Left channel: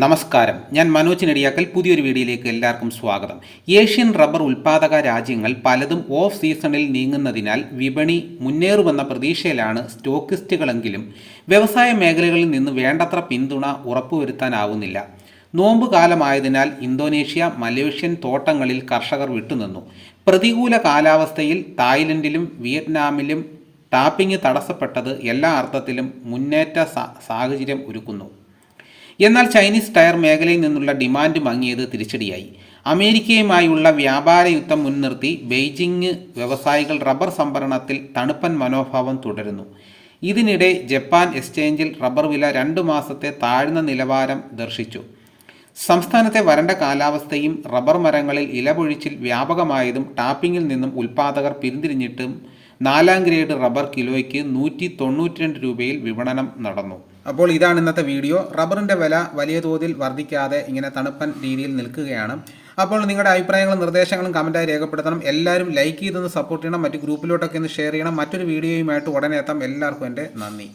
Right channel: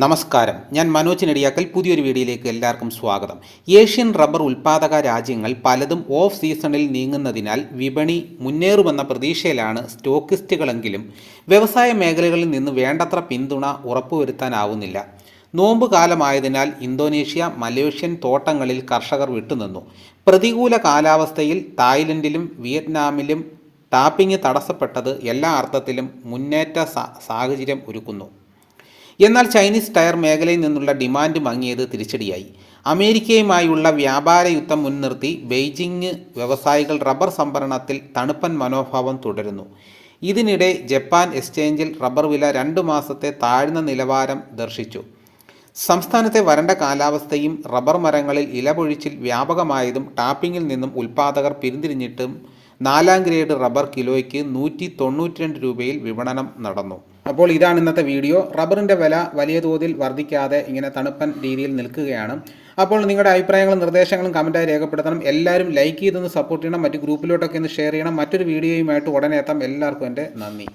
നമസ്കാരം. ഞാൻ മനോജ് നെടിയാക്കൽ. പുതിയൊരു വീഡിയോയിലേക്ക് എല്ലാവർക്കും സ്വാഗതം. ഏഷ്യൻ റബ്ബർ ഉൽപ്പാദക രാജ്യങ്ങൾ പലതും ഓഫ് സീസണിൽ നീങ്ങുന്നതിനാൽ വിപണി മുന്നേറുമെന്ന പ്രതീക്ഷയിലാണ് സ്റ്റോക്കിസ്റ്റുകളെങ്കിലും വ്യവസായ മേഖലകളിൽ നിന്ന് വേണ്ടത്ര പിന്തുണ ഉറപ്പുവരുത്താനാവുന്നില്ല. നോമ്പ് കാലമായതിനാൽ ഇന്തോനേഷ്യ മലേഷ്യൻ തോട്ടങ്ങളിൽ കർഷകർ വിട്ടുനിന്നു. പ്രതികൂല കാലാവസ്ഥയിൽ തായ്ലൻഡിലും വിയറ്റ്നാമിലും ടാപ്പിംഗ് തടസ്സപ്പെട്ടത് എല്ലാ അർത്ഥത്തിലും മുന്നേറ്റ സാഹചര്യം ഒരുക്കുന്നു. എന്നാൽ ചൈനീസ് ടയർ മേഖലയിൽ നിന്നുള്ള ഡിമാൻഡ് മങ്ങിയത് തിരിച്ചടിയായി. അമേരിക്കയുമായുള്ള വ്യാപാര യുദ്ധം മുൻനിർത്തി ബെയ്ജിംഗ് വ്യവസായികൾ റബ്ബർ സംഭരണത്തിൽ തണുപ്പൻ മനോഭാവം തുടരുന്നു. ഇതിനിടെ ജപ്പാൻ എക്സ്ചേഞ്ചിൽ റബ്ബർ വില രണ്ടു മാസത്തെ താഴ്ന്ന നിലവാരം ദർശിച്ചു. സംസ്ഥാനത്തെ വരണ്ട കാലാവസ്ഥയും റബ്ബർ മരങ്ങളിൽ ഇലപൊഴിച്ചിൽ വ്യാപകമായതും ടാപ്പിങ്ങിൽ നിന്നും ഉൽപാദകർ പിന്തിരിഞ്ഞിട്ടും നാലാം ഗ്രേഡ് റബ്ബർ കിലോയ്ക്ക് നൂറ്റി തൊണ്ണൂറ്റി രണ്ട് രൂപയിൽ വിപണനം നടന്നു. അപ്പോൾ ഇതാണ് ഇന്നത്തെ വീഡിയോ. റബ്ബറിന്റെ വില വലിയ തോതിൽ വർദ്ധിക്കാതെ ഇങ്ങനെ തണുപ്പൻ രീതിയിൽ നിൽക്കുകയാണ്. അപ്പോൾ നിങ്ങളുടെ അഭിപ്രായങ്ങളും നിർദ്ദേശങ്ങളും കമന്റായി രേഖപ്പെടുത്തണം. എല്ലാവരും ലൈക്ക് ചെയ്തൊന്ന് സപ്പോർട്ട് ചെയ്യണം. മറ്റ് ഗ്രൂപ്പിലോട്ടൊക്കെ ഒന്ന് ഷെയർ ചെയ്യണം. മറ്റൊരു വീഡിയോയുമായിട്ട് ഉടനെ എത്താം. എല്ലാവർക്കും എന്റെ നന്ദി.